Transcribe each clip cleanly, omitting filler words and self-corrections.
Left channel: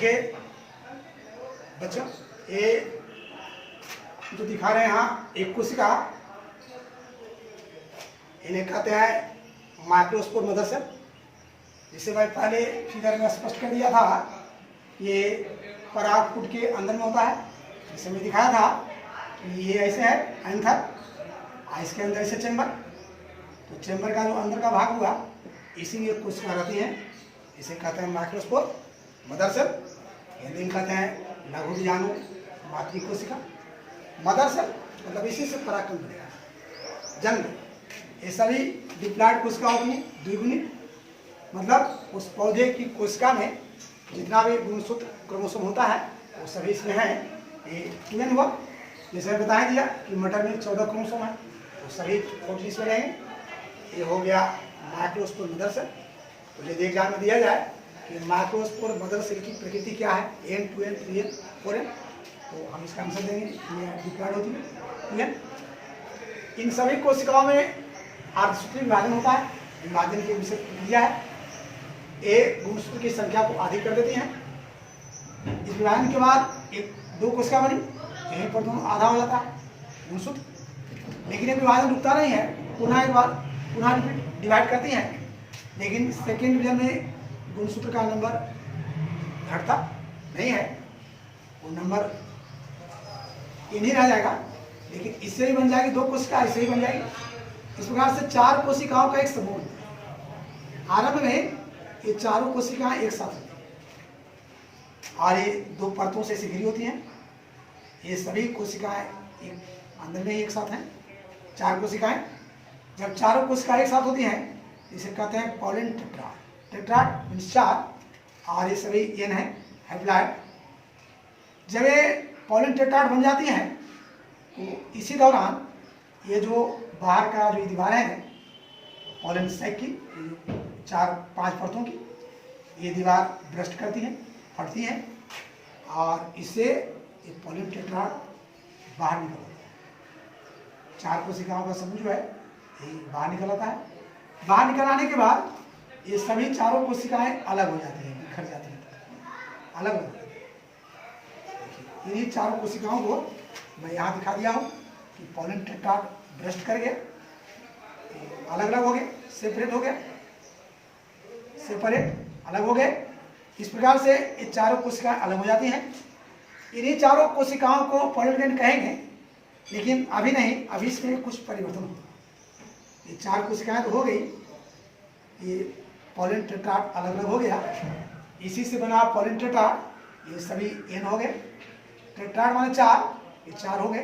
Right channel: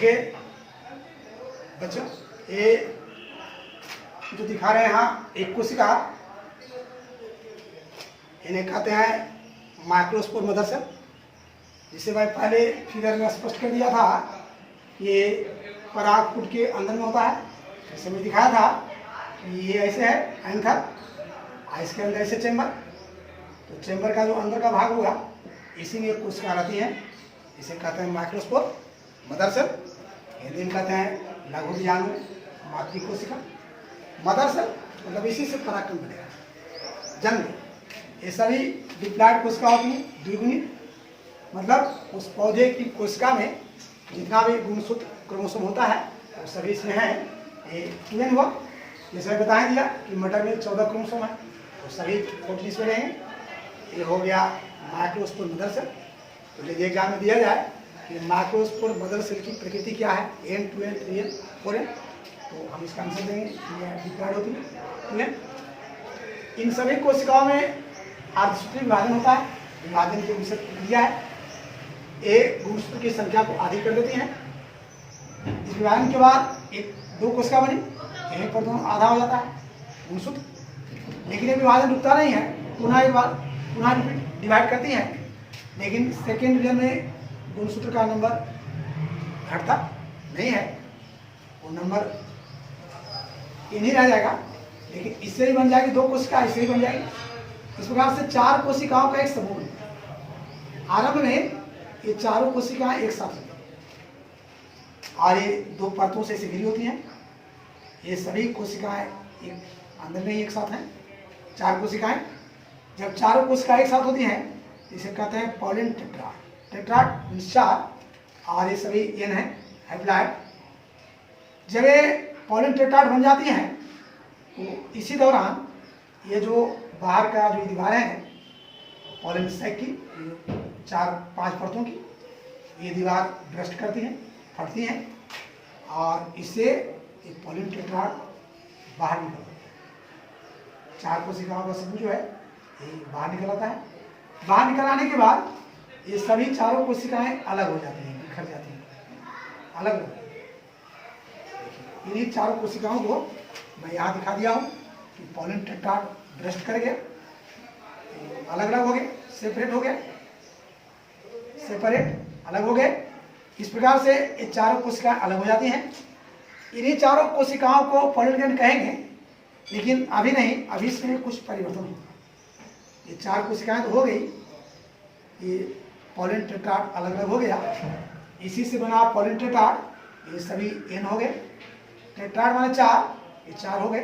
देखिए बच्चों, ये जो दिखा रहे हैं यहाँ एक कोशिका, इन्हें कहते हैं माइक्रोस्पोर मदर सेल, जिसे मैं पहले फिगर में स्पष्ट कर दिया था। ये परागपुट के अंदर में होता है, जैसे मैं दिखाया था कि ये ऐसे है एंथर, इसके अंदर ऐसे चैम्बर, तो चैम्बर का जो अंदर का भाग हुआ इसी में एक कोशिका रहती है, इसे कहते हैं माइक्रोस्पोर मदर सेल। हिंदी में कहते हैं लघु बीजाणु मातृ कोशिका। मदर सेल मतलब इसी से परागकण बनेगा। जन्म, ये सभी डिप्लॉयड कोशिका होती हैं, द्विगुणित, मतलब उस पौधे की कोशिका में जितना भी गुणसूत्र क्रोमोसोम होता है वो सभी इसमें है। ये 2n हुआ, जैसे बताया दिया कि मटर में 14 क्रोमोसोम है, तो सभी टोटल इसमें रहेंगे। ये हो गया माइक्रोस्पोर मदर सेल। तो यदि एग्जाम में दिया जाए कि माइक्रोस्पोर मदर सेल की प्रकृति क्या है, n 2n 3n 4n, तो हम इसका आंसर देंगे ये डिप्लॉयड होती है 2n। इन सभी कोशिकाओं में अर्धसूत्रीय विभाजन होता है। विभाजन की विशेष प्रक्रिया है, ए गुणसूत्र की संख्या को अधिक कर देती है। इस विभाजन के बाद एक दो कोशिका बनी, यहीं पर दोनों आधा हो जाता है गुणसूत्र, लेकिन ये विभाजन रुकता नहीं है, पुनः एक बार पुनः डिवाइड करती है, लेकिन सेकेंड डिवीजन में गुणसूत्र का नंबर घटता नहीं है, वो नंबर इन ही रह जाएगा। लेकिन इससे ही बन जाएगी दो कोशिका, इससे ही बन जाएगी। इस प्रकार से चार कोशिकाओं का एक समूह बनता है। आरंभ में ये चारों कोशिकाएं एक साथ होती हैं और ये दो परतों से घिरी होती हैं। ये सभी कोशिकाएं एक अंदर में ही एक साथ हैं, चार कोशिकाएं। जब चारों कोशिकाएं एक साथ होती हैं इसे कहते हैं पॉलिन टेट्राड। टेट्राड मीन्स चार, और ये सभी एन है हैप्लॉयड। जब ये पॉलिन टेट्राड बन जाती हैं तो इसी दौरान ये जो बाहर का जो दीवारें हैं पॉलिन सैक की, 4-5 परतों की, ये दीवार ब्रस्ट करती हैं, फटती हैं, और इससे ये पॉलिन टेट्राड बाहर निकल आता है। चार कोशिकाओं का समूह जो है ये बाहर निकल आता है। बाहर निकल आने के बाद ये सभी चारों कोशिकाएं अलग हो जाती हैं, बिखर जाती हैं, अलग हो जाती हैं। इन्हीं चारों कोशिकाओं को मैं यहाँ दिखा दिया हूँ कि पॉलिन टेट्राड ब्रस्ट कर गया, अलग अलग हो गए, सेपरेट हो गया, सेपरेट अलग हो गए। इस प्रकार से ये चारों कोशिकाएं अलग हो जाती हैं। इन्हीं चारों कोशिकाओं को पॉलिन ग्लैंड कहेंगे, लेकिन अभी नहीं, अभी इसमें कुछ परिवर्तन होगा। ये चार कोशिकाएं तो हो गई, ये पॉलिन टेट्राड अलग अलग हो गया, इसी से बना पॉलिन टेट्राड, ये सभी एन हो गए। टेट्राड माने चार, ये चार हो गए।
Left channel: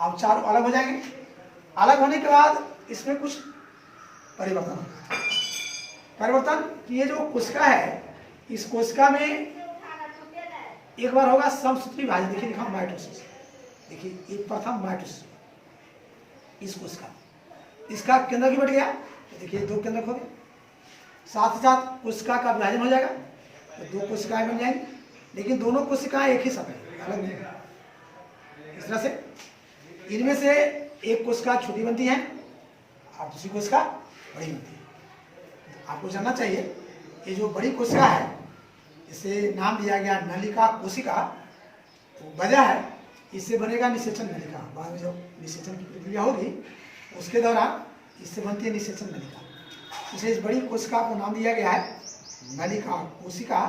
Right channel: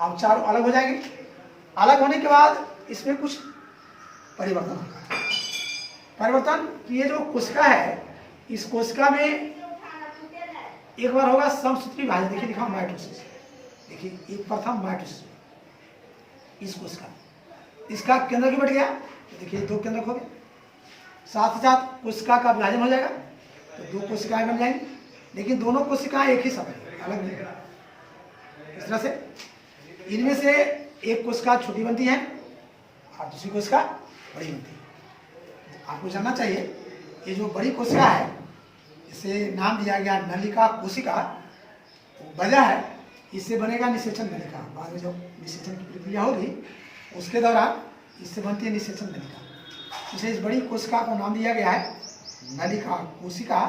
अब चारों अलग हो जाएंगे। अलग होने के बाद इसमें कुछ परिवर्तन होगा। परिवर्तन कि ये जो कोशिका है, इस कोशिका में एक बार होगा समसूत्री विभाजन। देखिए लिखा माइटोसिस, देखिए ये प्रथम माइटोसिस इस कोशिका, इसका केंद्र भी बढ़ गया, देखिए दो केंद्र हो गए। साथ ही साथ कोशिका का विभाजन हो जाएगा, तो दो कोशिकाएं बन जाएंगी, लेकिन दोनों कोशिकाएं एक ही समय अलग नहीं। इस तरह से इनमें से एक कोशिका छोटी बनती है और दूसरी कोशिका बड़ी बनती है। आपको जानना चाहिए ये जो बड़ी कोशिका है, इसे नाम दिया गया नलिका कोशिका। वजह है इससे बनेगा निषेचन नलिका। बाद में जब निषेचन की प्रक्रिया होगी उसके दौरान इससे बनती है निषेचन नलिका। इसलिए इस बड़ी कोशिका को नाम दिया गया है नलिका कोशिका,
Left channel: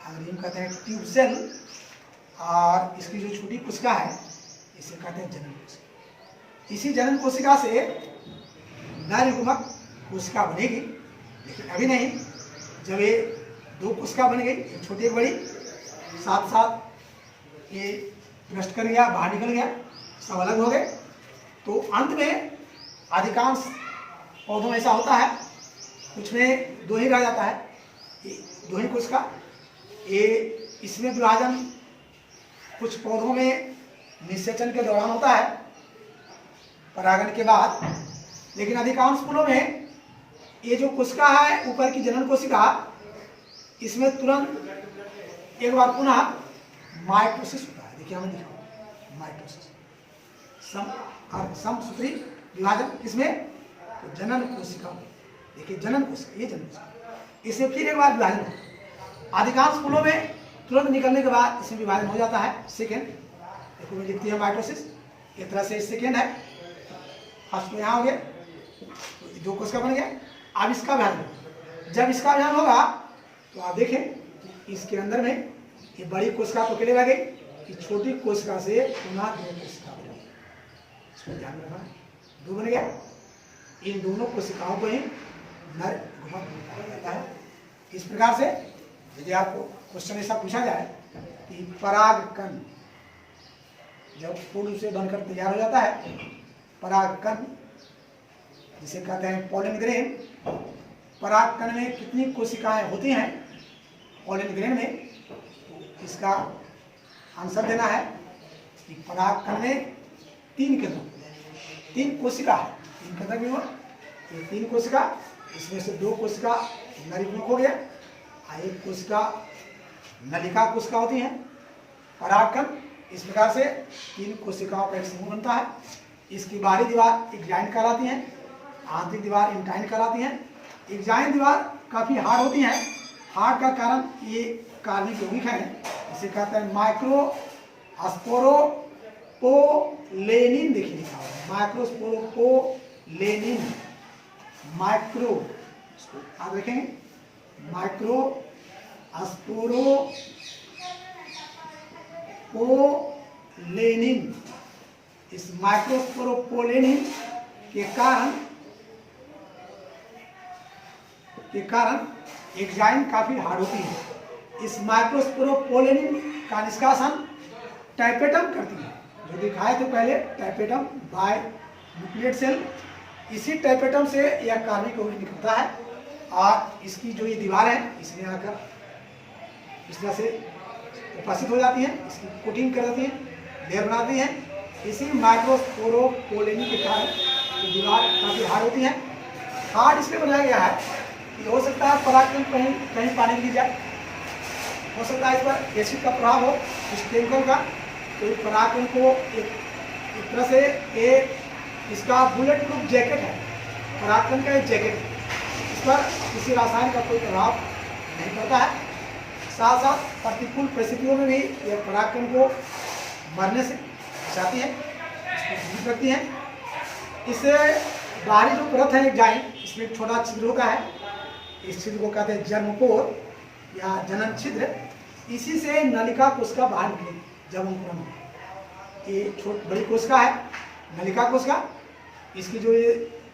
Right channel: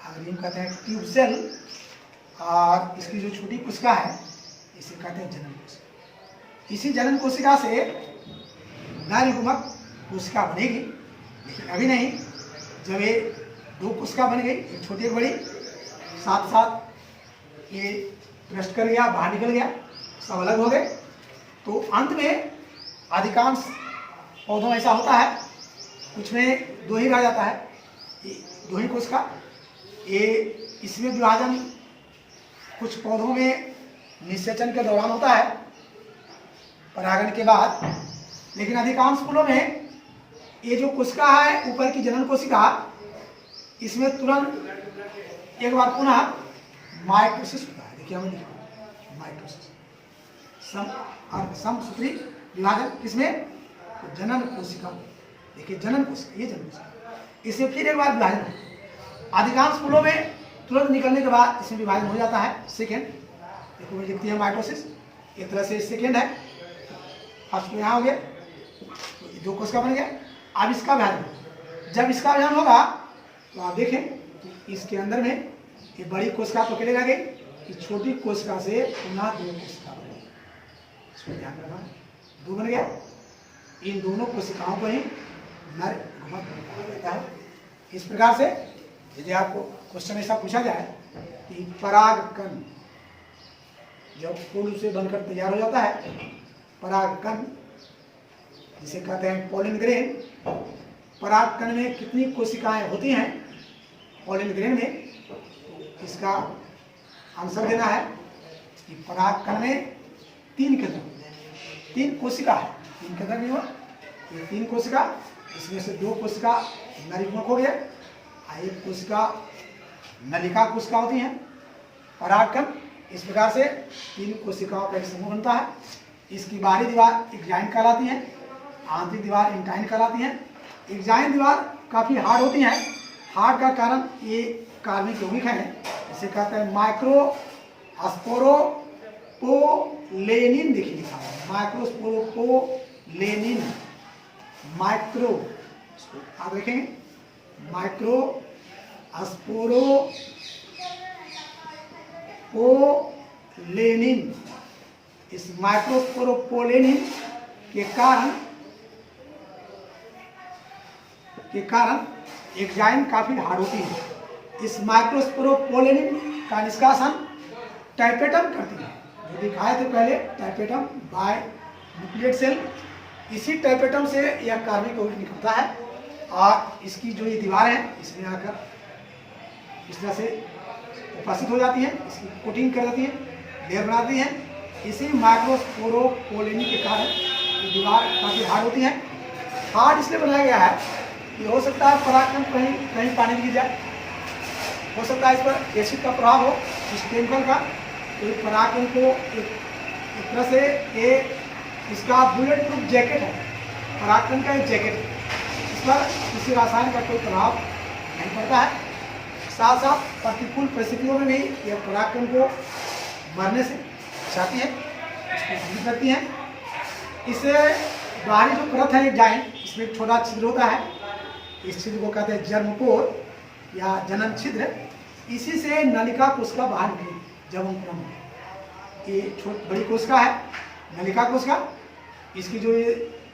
अंग्रेजी में कहते हैं ट्यूब सेल। और इसकी जो छोटी कोशिका है इसे कहते हैं जनन कोशिका। इसी जनन कोशिका से नरयुग्मक कोशिका बनेगी, लेकिन अभी नहीं। जब ये दो कोशिका बन गई, एक छोटी एक बड़ी, साथ साथ ये ब्रस्ट कर गया, बाहर निकल गया, सब अलग हो गए, तो अंत में अधिकांश पौधों में ऐसा होता है, कुछ में दो ही रह जाता है, दो ही कोशिका। ये इसमें विभाजन कुछ पौधों में निषेचन के दौरान होता है, परागण के बाद, लेकिन अधिकांश फूलों में ये जो कोशिका है ऊपर की जनन कोशिका, इसमें तुरंत एक बार पुनः माइटोसिस होता है। देखिए हमें लिखा माइटोसिस, समसूत्री विभाजन किसमें, तो जनन कोशिका। देखिए जनन कोशिका, ये जनन कोशिका, इसमें फिर एक बार विभाजन होता है। अधिकांश फूलों में तुरंत निकलने के बाद इसमें विभाजन हो जाता है सेकेंड। देखो लिखती है माइटोसिस, एक तरह से सेकेंड है। फर्स्ट तो यहाँ हो गया, तो 2 कोशिका बन गया। अब इसका विभाजन, जब इसका विभाजन होगा तो आप देखें इसके अंदर में ये बड़ी कोशिका तो अकेले रह गई, कि छोटी कोशिका से पुनः 2 कोशिका बनी। इसको ध्यान रखना, 2 बन गया। इन दोनों कोशिकाओं को ही नर युग्मक कहा जाता है। इस प्रकार से यदि आपको क्वेश्चन ऐसा पूछा जाए कि परागकण जब फूल से बनकर तैयार हो जाता है, परागकण जिसे कहते हैं पॉलन ग्रेन, परागकण में कितनी कोशिकाएं होती हैं पॉलन ग्रेन में, इसका आंसर देना है कि परागकण में 3 केंद्र, 3 कोशिका है। 3 केंद्र नहीं हो, ये 3 कोशिका, इसमें से 2 कोशिका नरियुग्मक हो गया, 1 कोशिका नलिका कोशिका होती है। परागकण इस प्रकार से 3 कोशिकाओं का एक समूह बनता है। इसकी बाहरी दीवार एग्जाइन कहलाती है, आंतरिक दीवार इंटाइन कहलाती है। एग्जाइन दीवार काफी हार्ड होती है। हार्ड का कारण ये कार्बनिक यौगिक है, इसे कहते हैं माइक्रोस्पोरोपोलेनिन। देखिए लिखा है माइक्रोस्पोरोपोलेनिन, माइक्रो आप देखेंगे माइक्रोस्पोरोपोलेनिन। इस माइक्रोस्पोरोपोलेनिन के कारण एग्जाइन काफी हार्ड होती है। इस माइक्रोस्पोरोपोलेनिन का निष्कासन टाइपेटम करती है, जो दिखाए थे पहले टाइपेटम बाय न्यूक्लियेट सेल। इसी टाइपेटम से यह कार्बनिक यौगिक निकलता है और इसकी जो ये दीवार है इसमें आकर इस तरह से उपस्थित हो जाती है, इसकी कोटिंग कर देती है, लेयर बनाती है। इसी माइक्रोस्पोरोपोलेनिन के कारण ये दीवार काफी हार्ड होती है। हार्ड इसलिए बनाया गया है कि हो सकता है परागकण कहीं पानी गिर जाए, हो सकता है इस पर एसिड का प्रभाव हो, इस केमिकल का, तो इस परागकण को एक तरह से एक इसका बुलेट प्रूफ जैकेट है, परागकण का एक जैकेट है, इस पर किसी रसायन का कोई प्रभाव नहीं पड़ता है। साथ साथ प्रतिकूल परिस्थितियों में भी यह परागकण को मरने से बचाती है, इसको जीवित रखती है। इससे बाहरी जो परत है एग्जाइन, इसमें एक छोटा छिद्र होता है, इस छिद्र को कहते हैं जर्मपोर या जनन छिद्र। इसी से नलिका कोशिका बाहर निकली जब अंकुरन हो। ये बड़ी कोशिका है नलिका कोशिका, इसकी जो ये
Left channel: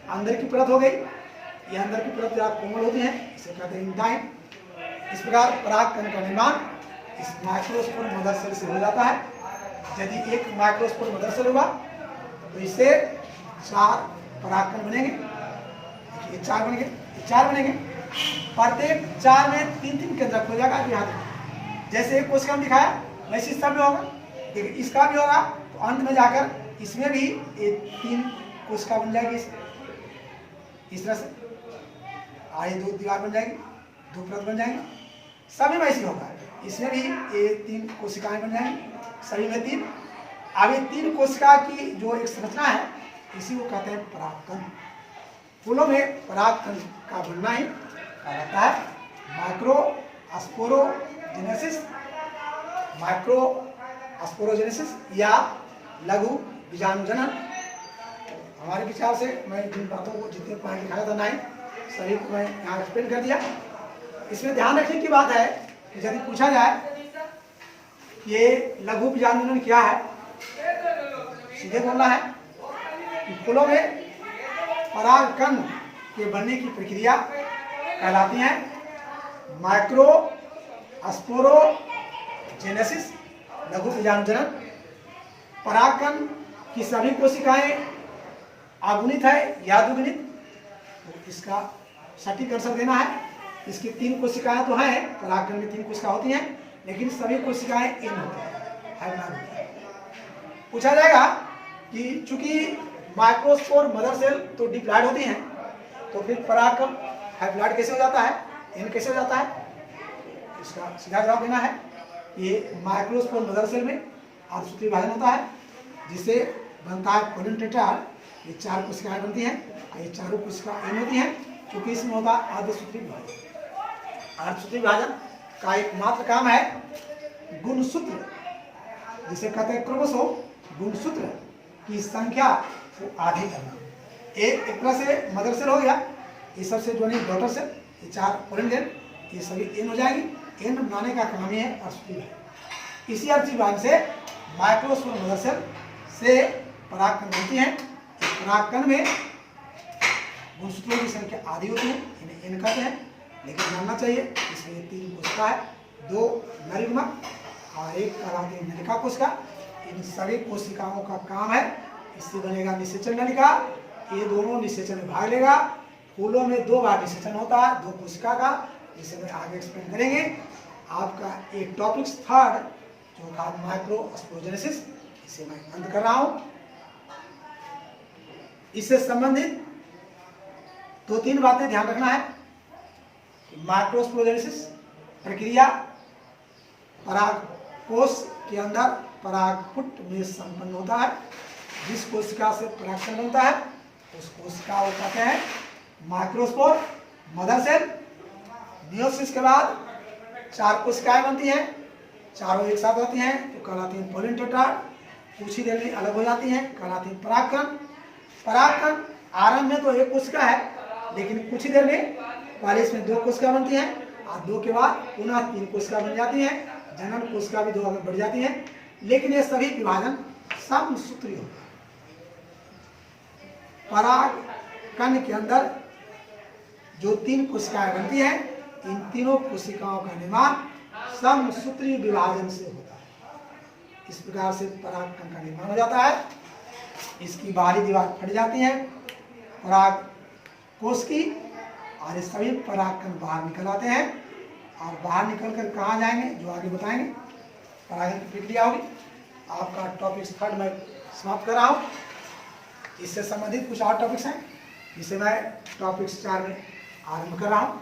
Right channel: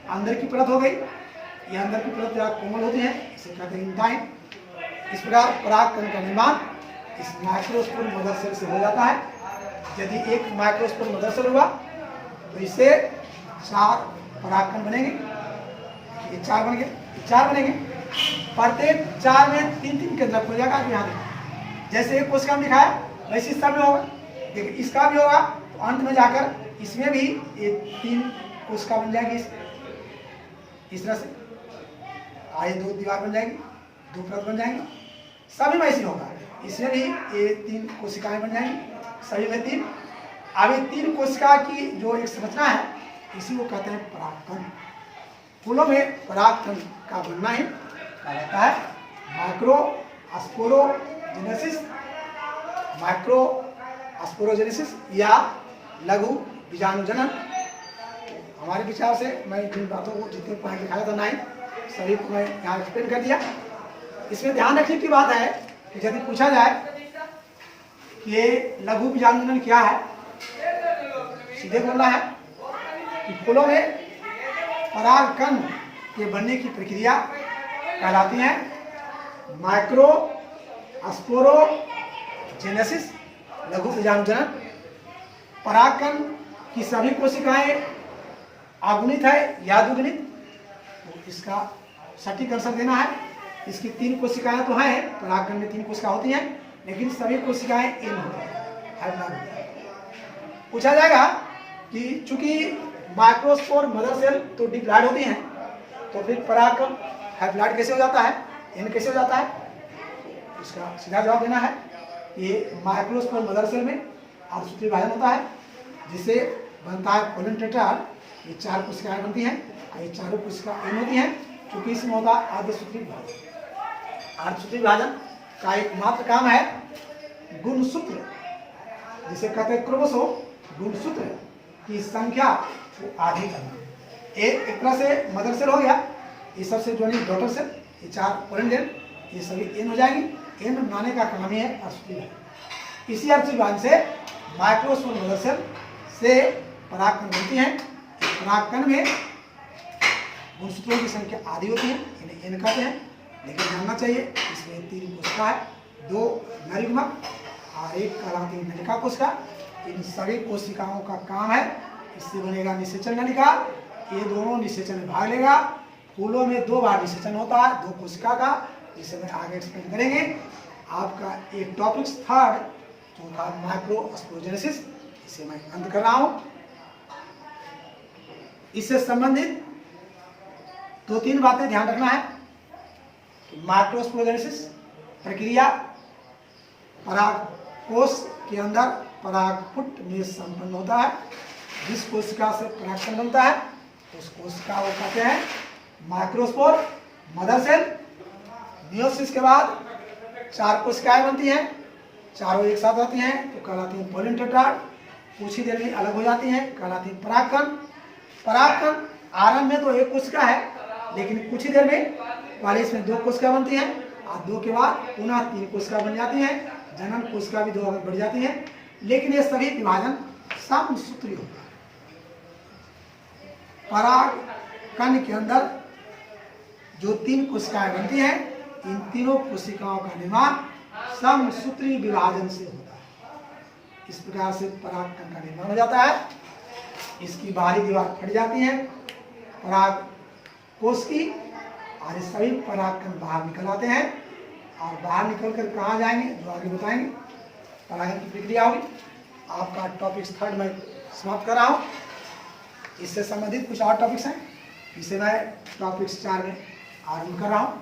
अंदर की परत हो गई, ये अंदर की परत ज़्यादा कोमल होती है, इसे कहते हैं इंटाइन। इस प्रकार परागकण का निर्माण इस माइक्रोस्पोर मदर सेल से हो जाता है। यदि एक माइक्रोस्पोर मदर सेल हुआ तो इससे 4 परागकण बनेंगे, ये 4 बनेंगे, 4 बनेंगे। प्रत्येक 4 में 3-3 केंद्रक हो जाएगा। यहाँ जैसे एक कोशिका में दिखाया वैसे सब में होगा, लेकिन इसका भी होगा तो अंत में जाकर इसमें भी ये 3 कोशिका बन जाएगी इस तरह से, आगे 2 दीवार बन जाएगी, 2 परत बन जाएंगे। सभी में ऐसी होगा, इसमें भी ये 3 कोशिकाएं बन जाएंगी, सभी में 3। अब ये 3 कोशिका की जो एक संरचना है इसी को कहते हैं परागकण। फूलों में परागकण का बनना ही कहा जाता है माइक्रोस्पोरोजेनेसिस या लघु बीजाणुजनन। हमारे विचार से मैं जिन बातों को जितने पॉइंट दिखाया था 9 सभी को मैं यहाँ एक्सप्लेन कर दिया। इसमें ध्यान रखने की बात है कि यदि पूछा जाए ये लघु बीजाणुजनन क्या है, सीधे बोलना है कि फूलों में परागकण के बनने की प्रक्रिया कहलाती है माइक्रोस्पोरोजेनेसिस, लघु बीजाणुजनन। परागकण की सभी कोशिकाएं अगुणित है या द्विगुणित, तो इसका सटीक आंसर देना है। इसकी 3 कोशिकाएं तो हैं, परागकण में 3 कोशिका होती हैं, लेकिन सभी कोशिकाएं एन होती हैं। पूछा जाएगा कि चूंकि माइक्रोस्पोर मदर सेल तो डिप्लॉयड होती हैं, तो फिर परागकण हाइप्लॉयड कैसे हो जाता है, एन कैसे हो जाता है? इसका सीधा जवाब देना है, ये माइक्रोस्पोर मदर सेल में अर्धसूत्री विभाजन होता है, जिसे बनता है पोलन टेट्राड। ये 4 कोशिकाएं बनती हैं, ये चारों कोशिका एन होती हैं, क्योंकि इसमें होता है अर्धसूत्री विभाजन। अर्धसूत्री विभाजन का एकमात्र काम है गुणसूत्र, जिसे कहते हैं क्रोमोसोम, गुणसूत्र की संख्या को आधी करना। एक तरह से मदर सेल हो गया, ये सबसे जो नहीं डॉटर सेल, ये 4 पोलेंडियन, ये सभी एन हो जाएंगी। एन बनाने का काम ही है अर्धसूत्री विभाजन। इसी अर्धसूत्री विभाजन से माइक्रोस्पोर मदर सेल से परागकण बनती हैं। परागकण में गुणसूत्रों की संख्या आधी होती है, इन्हें एन कहते हैं। लेकिन जानना चाहिए इसमें 3 कोशिका है, 2 नर युग्मक और 1 कहलाती है नलिका कोशिका। इन सभी कोशिकाओं का काम है, इससे बनेगा निषेचन नलिका। ये दोनों निषेचन में भाग लेगा। फूलों में 2 बार निषेचन होता है 2 कोशिका का, जिसे मैं आगे एक्सप्लेन करेंगे। आपका एक टॉपिक थर्ड जो था माइक्रोस्पोरोजेनेसिस, इसे मैं अंत कर रहा हूं। इससे संबंधित 2-3 बातें ध्यान रखना है। माइक्रोस्पोरोजेनेसिस प्रक्रिया परागकोश के अंदर परागपुट में संपन्न होता है। जिस कोशिका से परागकण बनता है उस कोशिका को कहते हैं माइक्रोस्पोर मदर सेल। मियोसिस के बाद 4 कोशिकाएं बनती हैं, चारों एक साथ रहती हैं तो कहलाती हैं पोलन टेट्राड। कुछ ही देर में अलग हो जाती हैं, कहलाती हैं परागकण। परागकण आरंभ में तो 1 कोशिका है, लेकिन कुछ ही देर में पहले इसमें 2 कोशिका बनती हैं और 2 के बाद पुनः 3 कोशिका बन जाती हैं। जनन कोशिका भी 2 आगे बढ़ जाती हैं। लेकिन ये सभी विभाजन समसूत्री होता है। परागकण के अंदर जो 3 कोशिकाएं बनती हैं, इन तीनों कोशिकाओं का निर्माण समसूत्री विभाजन से होता है। इस प्रकार से परागकण का निर्माण हो जाता है। इसकी बाहरी दीवार फट जाती है परागकोश की, और ये सभी परागकण बाहर निकल आते हैं। और बाहर निकलकर कहाँ जाएंगे जो आगे बताएंगे। परागण की प्रक्रिया होगी। आपका टॉपिक थर्ड मैं समाप्त कर रहा हूँ। इससे संबंधित कुछ और टॉपिक्स हैं जिसे मैं टॉपिक्स 4 में आरंभ कर रहा हूँ।